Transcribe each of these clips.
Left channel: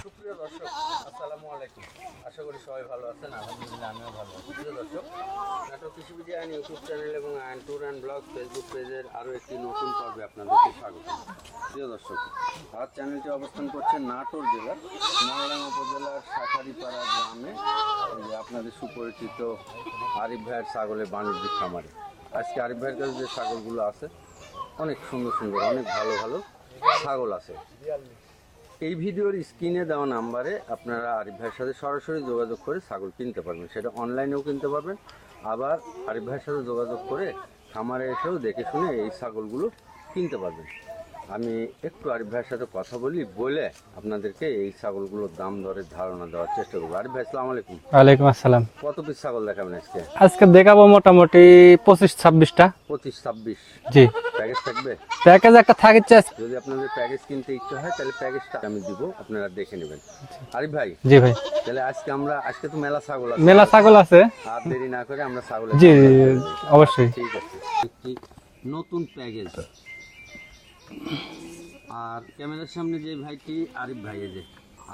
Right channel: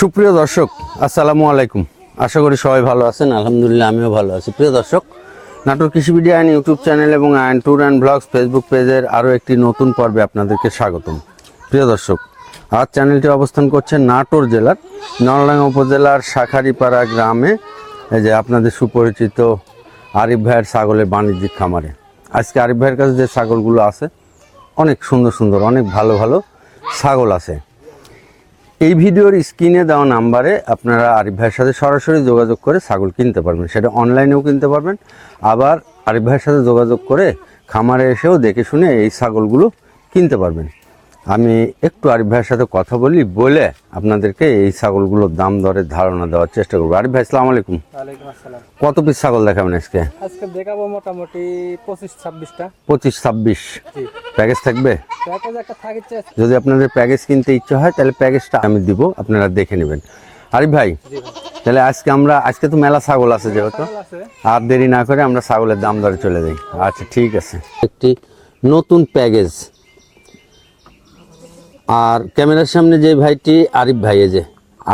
সুপ্রিয় দর্শক, আসসালামু আলাইকুম। আশা করি সবাই ভালো আছেন। আলহামদুলিল্লাহ, আমিও ভালো আছি। প্রিয় দর্শক, নাটোর কৃষিবিডি আইন ইউটিউব চ্যানেল এবং আইন ট্যুর অ্যান্ড ব্লগস ফেসবুক পেজের আরও একটি নতুন পর্বে আপনাদেরকে স্বাগতম। প্রিয় দর্শক, আজ চ্যানেলটি অবস্থান করছে নাটোর জেলার নলডাঙ্গা উপজেলার শাখারিপাড়া গ্রামে, এই যে আপনাদের সুপরিচিত আরিফ ভাইয়ের ছাগলের বাণিজ্যিক খামারে। আজকে আরিফ ভাইয়ের কাছে যে ছাগলগুলো আছে অনেক সুন্দর সুন্দর, অনেক ভালো ভালো ছাগল আছে। এই ভিডিওর স্ক্রিনে দেওয়া নাম্বারে আপনারা আরিফ ভাইয়ের সাথে সরাসরি যোগাযোগ করে ছাগল কিনতে পারবেন। সেটা অনলাইনেও কিনতে পারবেন, আবার আরিফ ভাইয়ের সাথে যোগাযোগ করে খামারে এসেও দেখে শুনে এই ছাগলগুলো কিনতে পারবেন। আমি একটু আরিফ ভাইয়ের সাথে কথা বলে আপনাদেরকে এই ছাগলগুলোর দাম দরের ধারণা দেওয়ার চেষ্টা করবো। আরিফ ভাই, আসসালামু আলাইকুম। ওয়ালাইকুম আসসালাম। কত পিস ছাগল দেখাবেন আজকে? আজকে দেখাবো মোটামুটি 25-26টা। 25-26 জি, প্যাকেজ থাকবে? প্যাকেজ একটা থাকছে। যদি আপনাদের প্যাকেজ কিনতে ইচ্ছে হয় তাহলে প্যাকেজটা আমি দিব, আপনারা দেখে নেবেন। আরিফ ভাই, জি ভাই, তাহলে আজকে তো মেলা ছাগল আছে, মেলা ছাগল আছে। আর দেরি না করে আমরা ছাগলের দাম দরে চলে যাই। আচ্ছা, ঠিক আছে। একটি নতুন প্যাকেজ। আর ক্যামেরার সামনে যে ভাইটি আরিফ ভাই, এই যে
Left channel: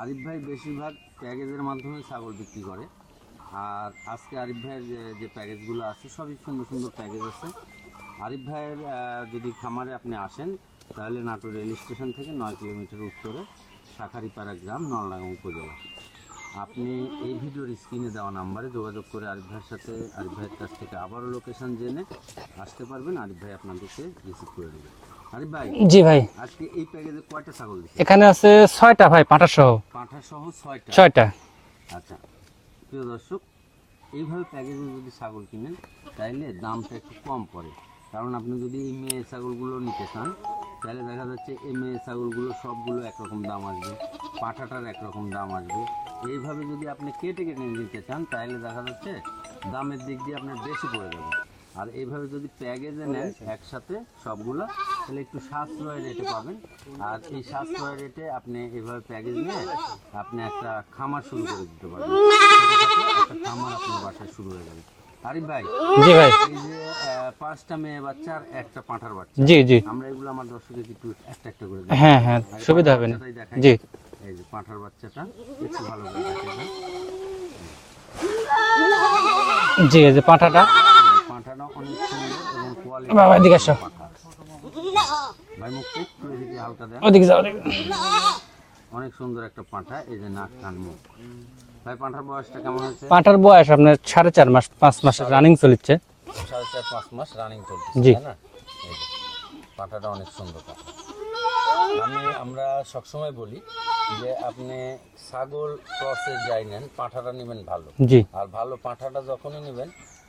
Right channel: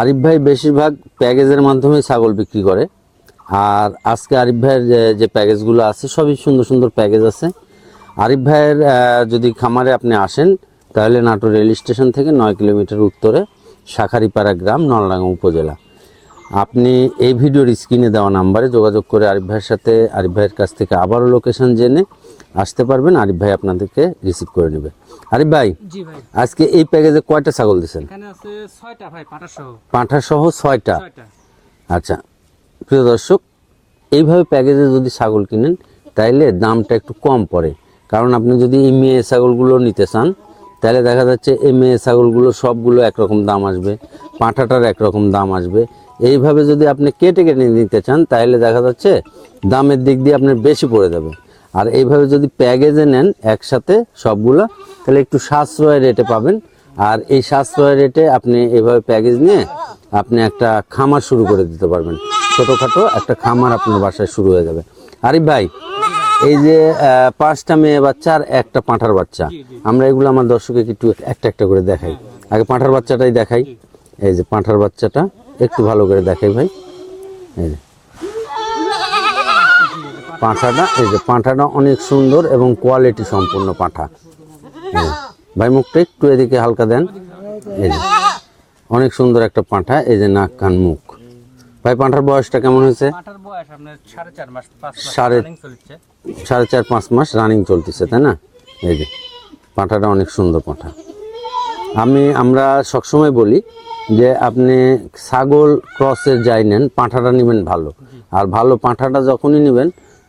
আরিফ ভাই বেশিরভাগ প্যাকেজের মাধ্যমে ছাগল বিক্রি করে। আর আজকে আরিফ ভাইয়ের যে প্যাকেজগুলো আছে সবই সুন্দর সুন্দর প্যাকেজ আছে। আরিফ ভাইয়ের যদি খামারে আপনি আসেন তাহলে নাটোর রেল স্টেশন থেকে 9 কিলোমিটার উত্তরে শাখারিপাড়া গ্রাম, নলডাঙ্গা উপজেলা। আপনি এই ভিডিওর স্ক্রিনে দেওয়া নাম্বারে যোগাযোগ করে আরিফ ভাইয়ের সাথে, আরিফ ভাইয়ের কাছ থেকে আবারও লোকেশন জেনে আসতে পারবেন। আরিফ ভাই আপনাদেরকে রিসিভ করে নেবে। আরিফ ভাই, জি ভাই, আজকে এই প্যাকেজে কয়টা ছাগল দিছে? এখানে আছে 6টা ভাই, পাঁঠা সহ। পাঁঠা সহ 6টা? 6টা। আচ্ছা প্রিয় দর্শক, এইভাবে প্যাকেজে যদি ছাগল কিনেন তাইলে দামটা একটু কম পড়ে। কারণ আপনি যদি এই মেয়ে ছাগলগুলো নিতে চান তাহলে দেখা যাচ্ছে এই মেয়ে ছাগলগুলো সবগুলো একরকম দাম আসবে, পাঁঠাটার একরকম দাম আসবে। এইভাবে যদি আপনি কেটে কেটে নিতে চান তাহলে দেখা যাচ্ছে দামের দিক দিয়ে আপনার বেশি পড়ে যাবে। আর এইভাবে যদি প্যাকেজে নেন একসাথে সবগুলো তাহলে একটু সাশ্রয় রেটে পাবেন। আর এই সাশ্রয় রেটে আপনি এইভাবে প্যাকেজ নিয়ে আপনি একটা খামার শুরু করে দিতে পারবেন। ছোটোখাটো একটা খামার আপনার বাসায় শুরু হয়ে যাবে। আরিফ ভাই, জি ভাই, এই যে 5টা মেয়ে বাচ্চা আর একটা পাঁঠার বাচ্চা, জি জি, আমরা এগুলো আমার দর্শককে একটু একটা একটা করে দেখাই। হ্যাঁ হ্যাঁ, আগে পাঁঠার বাচ্চাটাই দেখাই। জি, এই যে পাঁঠার বাচ্চাটা একটু ভালো করে দেখাই ভাই। এই যে জি, এই যে পাঁঠাটা, এই যে পাঁঠাটা অনেক সুন্দর এবং কোয়ালিটি সম্পন্ন পাঁঠা। ভাই মুখটা একটু এদিকে হালকা দেন। ওদিকে যাও। এই যে অনেক সুন্দর একটা পাঁঠা, এই যে নাক কান মুখ। ভাই পাঁঠার বয়সটা কেমন হয়েছে? পাঁঠার বয়স আপনার 4.5 মাস, 5 মাস রানিং চলছে। 4.5-5 মাস রানিং চলতেছে, তাই না? এই যে পাঁঠাটা অনেক সুন্দর পাঁঠা। আমরা সবসময় বলি যে আপনি ছাগল ক্রসের যাই নেন, পাঁঠাটা নেবেন ভালো। জি, আর ভালো পাঁঠাটা যখনই নেবেন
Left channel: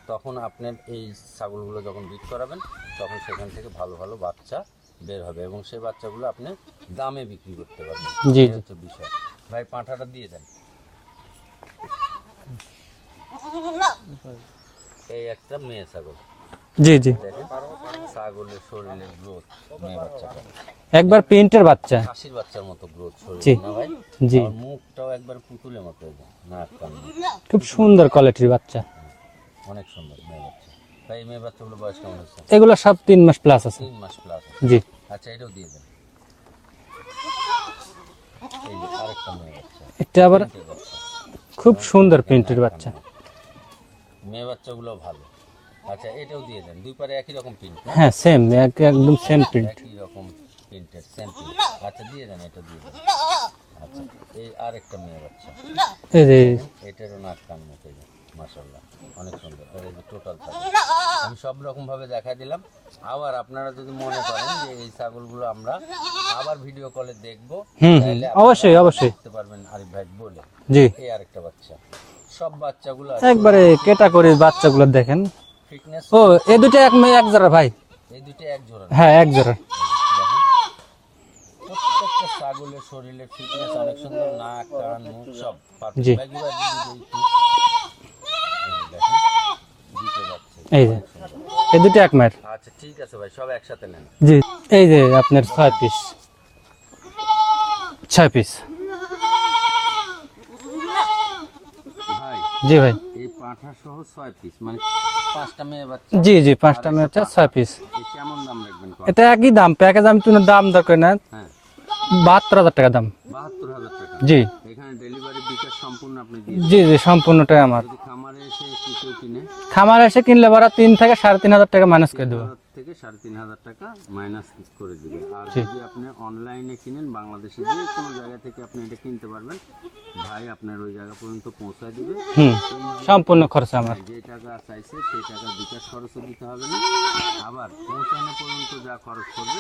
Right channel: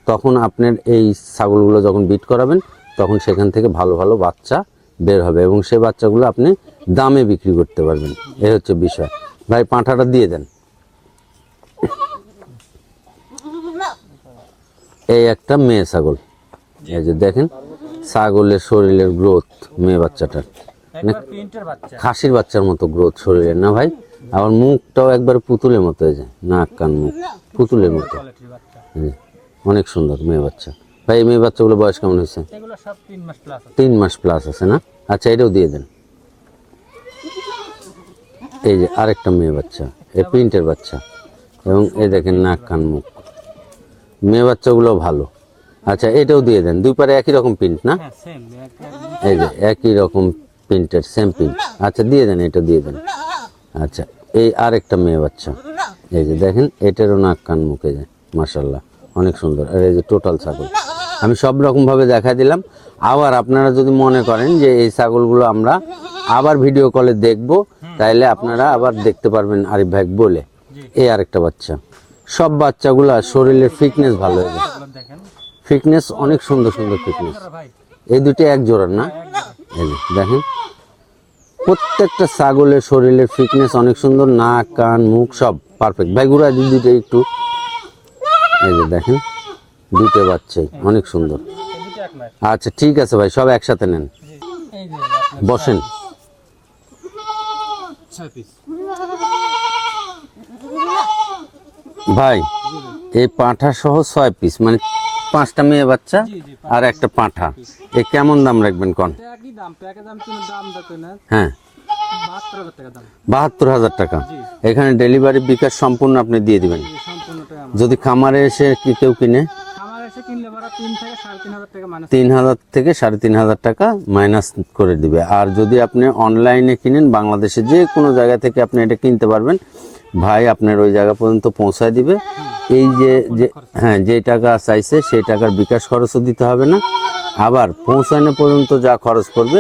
তখন আপনার এই ছাগলগুলো যখন বিট করাবেন তখন সেখান থেকে ভালো ভালো বাচ্চা বের হবে এবং সেই বাচ্চাগুলো আপনি দামে বিক্রি করতে পারবেন। এই হচ্ছে বিষয়। ভাই পাঁঠাটা দিয়ে দেন। এই একটা মেয়ে ছাগল। জি জি, দেখেন ছাগলের শরীরের গ্রোথ, মেয়ে বাচ্চাটার একবার প্রিন্টের বাচ্চা, খাসির বাচ্চার মতো গ্রোথ শরীরের, না ভাই? আর মুখটাও একবার পুতুলের মতো, এই যে নাক কান মুখ খুব সুন্দর কোয়ালিটির বাচ্চা। অনেক সুন্দর মেয়ে বাচ্চা। ভাই এই মেয়ে বাচ্চাগুলো বয়স কেমন হয়েছে? এগুলো সব 3 মাস প্লাস আছে। 3 মাস প্লাস আছে না? আচ্ছা, এটাও দিয়ে দেন। এই যে আরেকটা মেয়ে বাচ্চা, প্রিন্টের বাচ্চা, খুব সুন্দর দেখেন নাক কান মুখ। মেয়ে বাচ্চাগুলো ভালো। আচ্ছা, এটাও দিয়ে দেন। দুই পারে একই রকম প্রিন্ট না? হ্যাঁ, সেম, একদম সেম, একই রকম প্রিন্টের, সেম প্রিন্ট। আচ্ছা দিয়ে দেন, এটা দিয়ে দেন। আচ্ছা, এই আরেকটা মেয়ে বাচ্চা, দেখেন এটারও নাক কান মুখে যায়, মাশাআল্লাহ অনেক সুন্দর। আর এই যে টোটাল ছাগল আমি সব রকম ভাবে দেখা দিলাম। আবার আপনারা যদি মনে করেন যে এই ছাগলগুলো আমরা আবার ভিডিও কলে দেখবো তাহলে আপনারা আবার দেখতে পারবেন আরিফ ভাই বলে। এই আরেকটা বাচ্চা, সব বাচ্চাগুলো শরীরে ফিটনেস, বাচ্চাগুলো দেখেন ফিটনেস। এই দুটো এক জোড়া ভাই, এই দুটো এক জোড়া না? হ্যাঁ, এক জোড়া। দেখেন প্রত্যেকটা ছাগলের শরীরের ফিটনেস অনেক সুন্দর, নাক কান মুখ সব পারফেক্ট। ভাই ঘুরা দুটো একটু, এই যে দেখেন দুটো বাচ্চা অনেক সুন্দর। এই দুটো এক মায়ের। আচ্ছা ঠিক আছে ভাই, সব একসাথে নেন। জি, এই যে আপনার 6 পিস ভাই। জি ভাই, এই পাঁঠা সহ 6 পিস, মানে 5টা মেয়ে বাচ্চা জি জি, আর একটা পাঁঠা। এই কেমন দাম রাখবেন কোন? এটা একই দাম, প্যাকেজ আমি তো দাম দরকার না। হ্যাঁ, 72,000 টাকা দাম। 72,000 টাকা। জি এখানে ডেলিভারি বিকাশ সম্পূর্ণ আপনি দিয়ে জি দিবেন। জি সম্পূর্ণটাই আমার। যদি খামারে এসে কেউ কিনে, খামার এসে কিনলে পরে 3 থেকে 3,500 টাকা মাইনাস। 3,000 থেকে 3,500 টাকা মাইনাস করে দিবে। আর যদি আপনি অনলাইনে কিনেন, বাংলাদেশে যে কোনো জায়গা থেকে আপনি এটা কিনতে পারবেন, ভাই আপনার ওই জায়গা পর্যন্ত পৌঁছায় দিবে। এই যে সম্পূর্ণ খরচ আমার। হ্যাঁ, যে টাকা চাইছে সেই টাকার বিকাশ খরচও দিতে হবে না। আবার পৌঁছানো পর্যন্ত যা খরচ করবে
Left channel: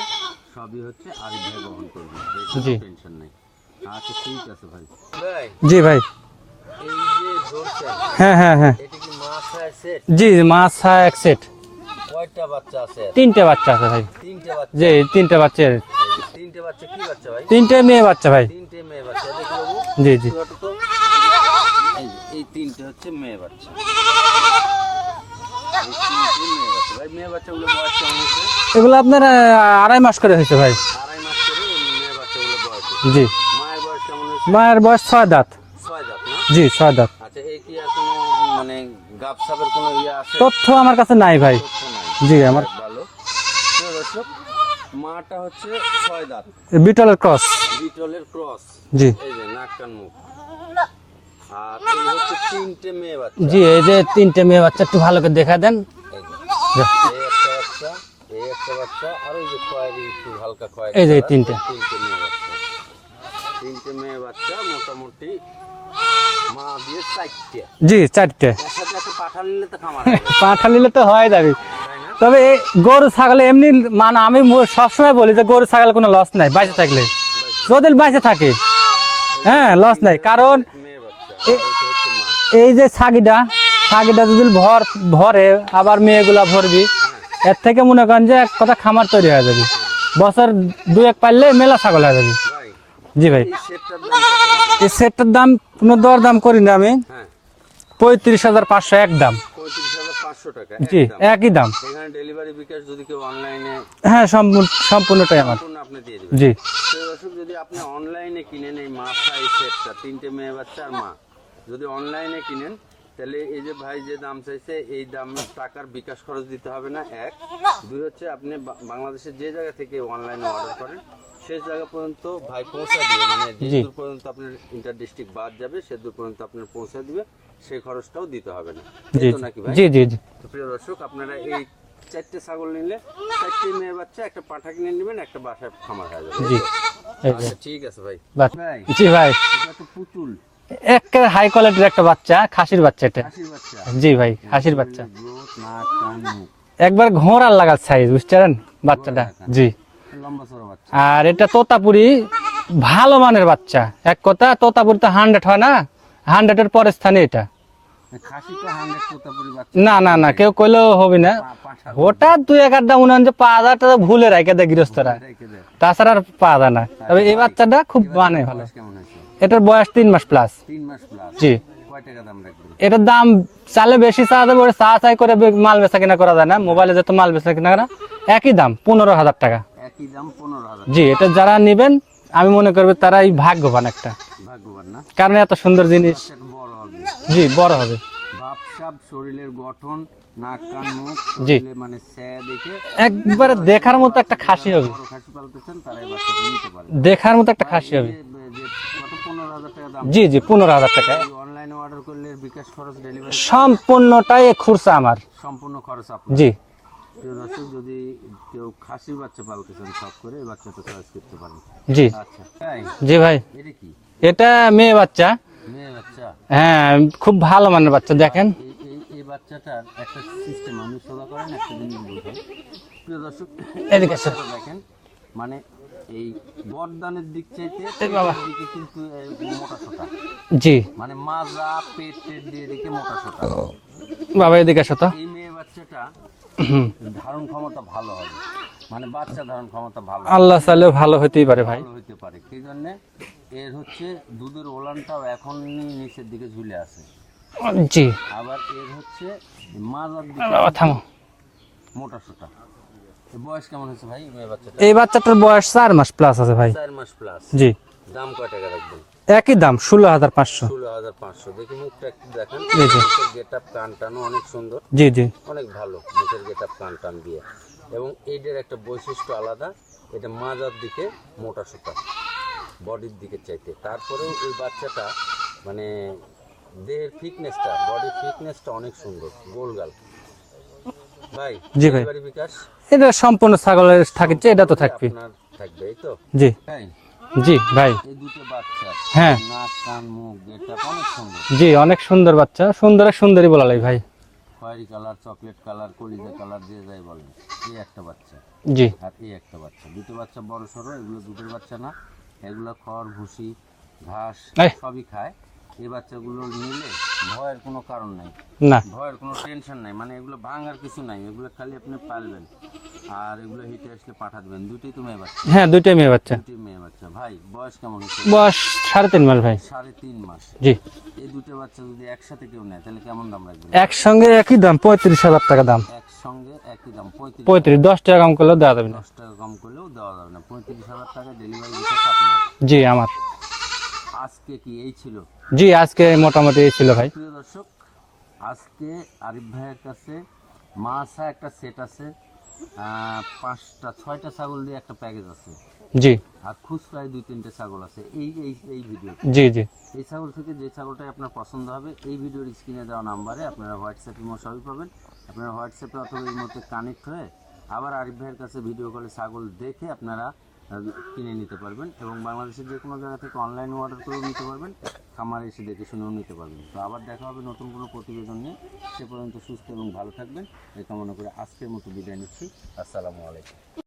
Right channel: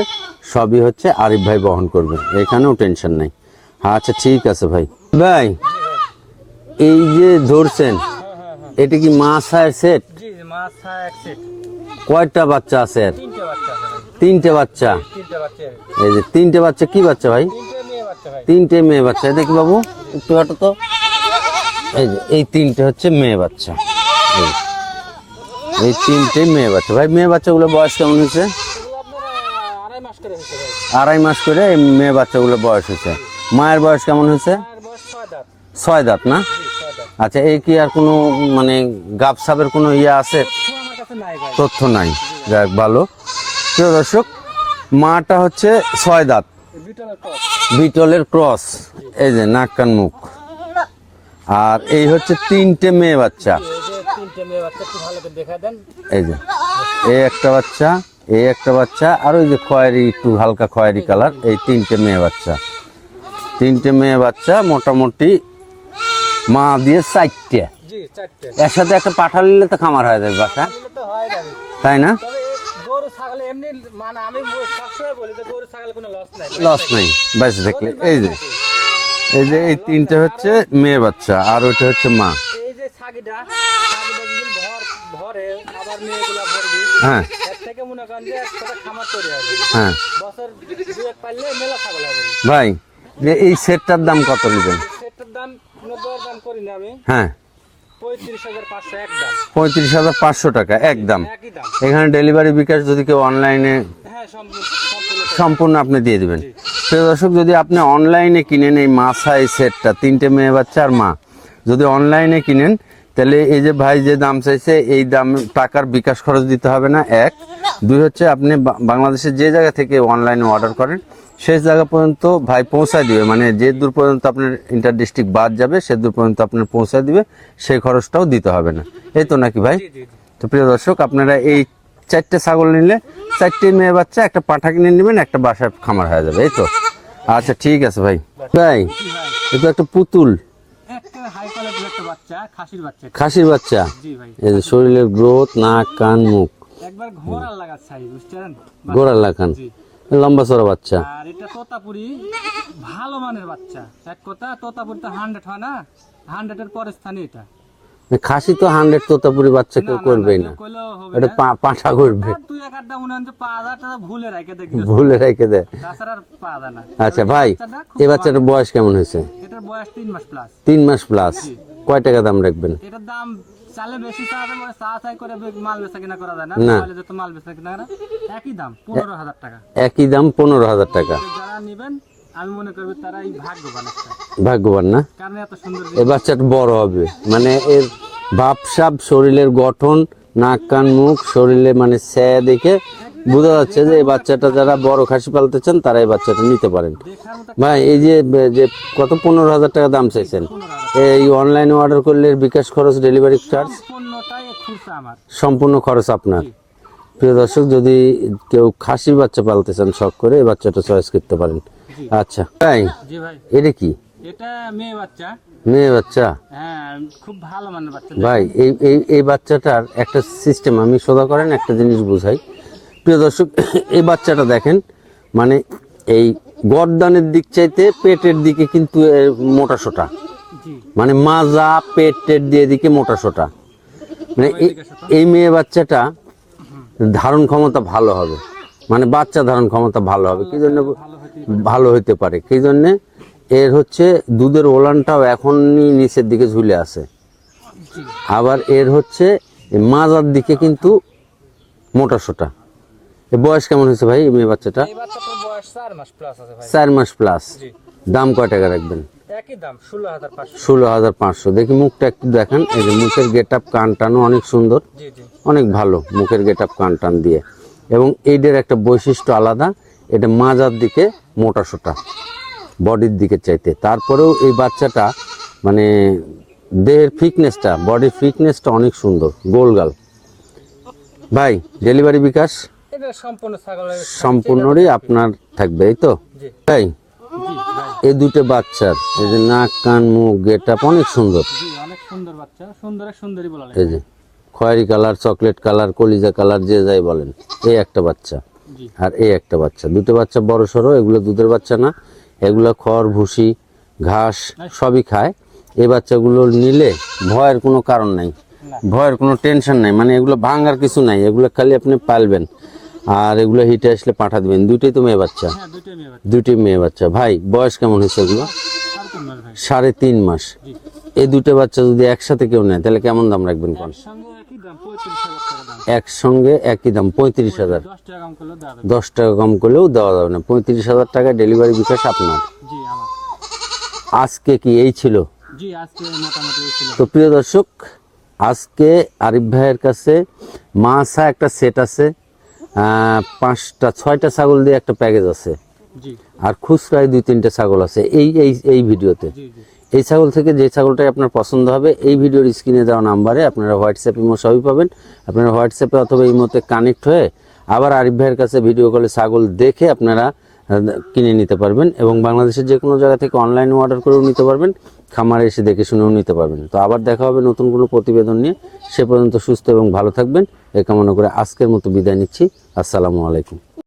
সবই হচ্ছে আরিফ ভাই বহন করবে, এখানেও টেনশন নাই। আচ্ছা ঠিক আছে ভাই। ভাই জি ভাই। এই যে ধরছেন, হ্যাঁ হ্যাঁ হ্যাঁ এটা কি মাছ আর সেট? জি মাছ এক সেট। কয়টা বাচ্চা আছে এর? 3টে বাচ্চা আছে ভাই। 3টে বাচ্চা। জি 3টে বাচ্চা। এই যে 3টে বাচ্চা, কি বাচ্চা ভাই? 3টে মেয়ে বাচ্চা ভাই। 3টে মেয়ে বাচ্চা। দেখি বাবু জি জি। একটু হাঁটো তো। এই যে এই 3টে হচ্ছে মেয়ে বাচ্চা। এই 3টে মেয়ে বাচ্চা। ভাই মেয়ে বাচ্চাগুলো বয়স কেমন হয়েছে? এগুলো আপনার 2.5 মাস করে হয়েছে ভাই। 2.5 মাস করে এই মেয়ে বাচ্চাগুলো বয়স হয়েছে। জি। মায়ের বয়স কেমন হয়েছে? মায়ের বয়স 6 দাঁত। 6 দাঁত না? জি 6 দাঁত। আচ্ছা, এই কি আর কোনো মানে গাবসাবের কোনো ইয়ে আছে? তথ্য আমার কাছে নাই ভাই। তথ্য নাই। জি, আমার- যাক ভালো। প্রিয় দর্শক, মাটা হচ্ছে 6 দাঁত, বিটলের ক্রস। বিটলের ক্রস। জি এই যে নাক কান মুখ। আর এই হচ্ছে 3টে মেয়ে বাচ্চা। জি এই যে 3টে মেয়ে বাচ্চা একটু ভালো করে দেখা দেন। এই যে এই একটা বাচ্চা, এই একটা বাচ্চা, আর ওই যে খয়েরি, একটু হালকা খয়েরি এই যে কালার, 3টে। এই 3টে মেয়ে বাচ্চা। 3টে মেয়ে বাচ্চা, মোটামুটি মা দিয়ে 4টে। জি 4টে। এর সাথে একটা পাঠা নিলে তো খামার হয়ে যাবে, পাঠা নিলে তো হয়ে যাবে। তাই না? তবে এই গরু ছাগলে এমনি মানে আমি সবসময় বলি যে গরু ছাগলে কোনো লস নাই বাইরে Loss থাকলে। নেই, বাইরে থাকলে। যদি বাইরে এই যে- থাকে এই যে হ্যাঁ, এই loss 3টে নাই, হচ্ছে কারণ- মেয়ে বাচ্চা, আর ওইটা হচ্ছে মা। এই যে ছাগিটা যদি ভরে আবার মেয়েগুলা ভরবি, হ্যাঁ এর থেকে মনে করেন যে এক কথা খামার তৈরি হয়ে যাবে। হ্যাঁ। বছর 2-1 পারলে মেলা ছাগল হয়ে যাবে। ভাই জি ভাই। এই সেটটার দাম কত নেবেন? এই সেটটার দাম কোনো দর দাম করি না আমি। হ্যাঁ, 35,500 একদম। 35,500 টাকা জি, একদম। একই দাম। এখানে ডেলিভারি বিকাশ যদি কেউ অনলাইনে, হ্যাঁ সম্পূর্ণটাই আমার। সম্পূর্ণ আপনি দিয়ে দিবেন। জি। প্রিয় দর্শক, যদি আপনি অনলাইনে কিনেন এই মাছা এই সেটটা, 3টে মেয়ে বাচ্চা আর মা, যদি অনলাইনে কিনেন, তাহলে এই যে ভাই যে দাম চাইছে এই দাম টাকার বিকাশ খরচ দিতে হবে না। 1, 2 হচ্ছে আপনি বাংলাদেশের যে জায়গা থেকে অনলাইনে অর্ডার করেন সেই জায়গা পর্যন্ত ভাই পৌঁছায় দিবে, মানে যে দূর পর্যন্ত আপনার ইন্টার ডিস্ট্রিক্ট বাদ যাবে সে দূর পর্যন্ত আপনার পৌঁছায় দিবে, সেই খরচটাও দিতে হবে না। এই তো নাকি ভাই? জি জি জি। তো প্রিয় দর্শক, আপনারা এই 4টে ছাগল নিলে 4টে মেয়ে বাচ্চা, একটা পাঠা কিনে নেবেন, একটা বাসায় খামার হয়ে যাবে। এই তো। আচ্ছা ঠিক আছে ভাই। ভাই জি ভাই। এটা একটা পুতুল, একেবারে হাই কোয়ালিটির একটা বাচ্চা, খাসির বাচ্চা এটা। খাসির বাচ্চা। জি ভাই, এই যে খাসির শরীরের গ্রোথ, নাক কান মুখ একবার ঘোড়ার লাগার সাইজ, বুঝছেন গোড়া বাচ্চাটা? লাগান, জি। লম্বা চড়া বাচ্চা। আর এটা তোতাপুরি ভালো মানের বাচ্চা। এক কথা তোতাপুরি তো 100 হয় না, 100 এর পরের স্থানে এটা। খাসি তো 100 তোতাপুরি বাচ্চা না কেউ না না, করবেই কেউ কইলেও হবে না। পাঠা করবে, ওটা 2-1 আড্ডা মনে হয় যে 5,000 টাকা ভুলে রাখে দেয় গৃহস্থরা, ভুলে রেখে দেয়। তাছাড়া আর পাওয়া যায় না। আচ্ছা তবে এই ভাই, বাচ্চাটা খুব এই বাচ্চাটার মানে। বয়স কেমন হয়েছে? এটার বয়স 3 মাস প্লাস। 3 মাস প্লাস। জি। কয় টাকা দাম রাখবেন? এটার দাম চালে বেশি চাওয়া যাবে, ওটা চাই করে মাল বেচা কিনা করা যায় না। মোবাইলে যত মাল বেচা কিনা করা একই দাম 15,000 টাকা। একই দাম 15,000 জি, টাকা। এটা যারা নেবেন আমি মনে করবো তারাই ভাগ্যবান একটা, ভাগ্যবান না? কারণ এত সুন্দর এই জিনিস। বাচ্চাটা বড় হবে, মানে বড় এই হবে। ভাবসাব, শরীরের গঠন, নাক কান মুখ, শরীরে মানে স্যা দেখে একবারে বোঝা যাচ্ছে দেখার যে এই মতো একটা বাচ্চাটা খাসি যারা হবে। বড় খাসি পালতে চান তারা এই বাচ্চাটা নিতে পারেন। দেখার মতো একটা ভাই খাসি এই হবে। যে যে কত 15,000 টাকা দাম জি জি চাইছেন? 15,000 টাকা। এই অনলাইনে অর্ডার করলে এর বিকাশ খরচ, ডেলিভারি সম্পূর্ণটাই খুরসা আমার। সম্পূর্ণ খরচ আপনার। জি প্রিয় দর্শক, যদি কেউ খাসির বাচ্চা পালতে চান শখ করে, এই বাচ্চাটা চয়েস করতে পারেন। জি আচ্ছা ভাই, জি ভাই। এটা কি এটা মেয়ে বাচ্চা। মেয়ে বাচ্চা? হ্যাঁ, খুব ভালো মানের বাচ্চা। ভাই দেখেন এই বাচ্চাটার একটা সিস্টেম আমি সোজা করেন একটা জিনিস বুঝাই। প্রিয় দর্শক, এই বাচ্চাটা দেখেন, মানে এই গর্দানের দিক চাইতে পেটের দিকে কিন্তু এর মোটা সোটা, জি মানে মাজা পেটের দিয়ে দিকে মোটা সোটা। বাবা এদিকে আসো তো। এই মেয়ে বাচ্চাটা ধারণ ক্ষমতা ভালো হবে, মানে বাচ্চা ধারণ ক্ষমতা ভালো হবে, আল্লাহ কি জন্য? চাইলেও ভালো হতেই পারে। ভালো হতে পারে। সেই জন্য এর হচ্ছে দুধের ওলানটাও এখনই নিচের দিকে ঝুলে আছে, জি আবার এর হচ্ছে এই মাজার দিকে কিন্তু মোটা সোটা। এর বয়স কেমন হয়েছে ভাই এই মেয়ে বাচ্চাটা? এই বাচ্চাটার বয়স 4 মাস প্লাস আছে ভাই। 4 মাস প্লাস। জি দাম কয় টাকা রাখবেন? একই দাম 16,500। 16,500। দেখি মুখটা একটু দেখেন, এই যে মুখের গেট আপ কান টানও অনেক সুন্দর, জি জি অনেক ভালো মুখের গেট আপ কান টান দিয়ে। এবং এইটার একটা বৈশিষ্ট্য আলাদা, এটা মাজার দিকে মোটা সোটা, বডির দিকে চাইতে। তারপরেও এই বাচ্চাটা মানে দেহের ফিটনেসটা, বডির ফিটনেসটা অনেক সুন্দর, গোলগাল। ভাই ডেলিভারি বিকাশ এটা সম্পূর্ণ ছাগলের থাকছে, এটা তো সম্পূর্ণই থাকবে। আপনার থাকবে, এই তো জি ভাই? জি ভাই, এই দুটো বাচ্চার হ্যাঁ। এই যে নাক কান মুখ গেটআপ অনেক সুন্দর, জি অনেক সুন্দর বাচ্চা, সুন্দর সুন্দরী বলা লাগে ভাই। খয়েরি কালার, চকলেট কালার, কলিজা কালার, যে যাই বলেন। এই একটা বাচ্চা জি আর এই একটা বাচ্চা, দুটো বাচ্চা বড় সড়ো। এগুলো দুধের বাচ্চা না, এগুলো খড় ভুসি ঘাস এই। সবই খায়। এই বাচ্চাগুলো নিলে ভয়ের কোনো কারণ নাই, না ভয়ের কোনো টেনশন নাই, মানে এগুলো ভাঙার কিছু নাই, এগুলো খালি আপনি পালবেন আর এগুলো হিটে আসলে পাঠা দিবেন। দুটোই তো মেয়ে বাচ্চা? হ্যাঁ দুইটাই মেয়ে বাচ্চা। দুটোই মেয়ে বাচ্চা। ভাই বয়স কেমন হয়েছে? বয়স 3.5 মাস ভাই। 3.5 মাস। জি এই দুটো বাচ্চা যদি একসাথে কেউ নেয় তাহলে কেমন দাম রাখবেন? একসঙ্গে একই দাম, 35,000 টাকা দাম। একসঙ্গে একই দাম 35,000। 10 টাকা কম করলেও দেওয়া যাবে। 10 টাকা কম করলেও দেওয়া যাবে না। 35,000 টাকা ডেলিভারি বিকাশ আপনার। জি আমার। আজকে কি এই ছিল? জি আজকে মোটামুটি এই ছিল তো ভাই। প্রিয় দর্শক, আজকে আরিফ ভাইয়ের কাছে মাছা একটা সেট আছে, 5টা 6টা ছাগল দিয়ে একটা প্যাকেজ আছে, জি আর খুচরায় 2-3টে ছাগল আছে এই এই এই ভিডিওতে। জি জি এই ছাগল থেকে যে ছাগলটাই আপনার পছন্দ হবে এই ভিডিওর স্ক্রিনে দেওয়া নাম্বারে আপনারা হোয়াটসঅ্যাপ ইমো সবই পাবেন। আপনারা হোয়াটসঅ্যাপে অথবা ইমোতে কানেক্ট হয়ে আবার আরিফ ভাইয়ের কাছে ভিডিও কলে ছাগল দেখে আপনারা কিনে নিতে পারবেন, এবং বাংলাদেশের যে কোনো জায়গা থেকে অনলাইনে অর্ডার করেও নিতে পারবেন, খামারে এসে দেখে শুনেও নিতে পারবেন। তো আবার দেখা হবে নতুন কোনো প্রতিবেদন নিয়ে। সে পর্যন্ত সুস্থ এবং ভালো থাকবেন এই কামনা করে আজকের মতো বিদায় নিচ্ছি। আসসালামু আলাইকুম।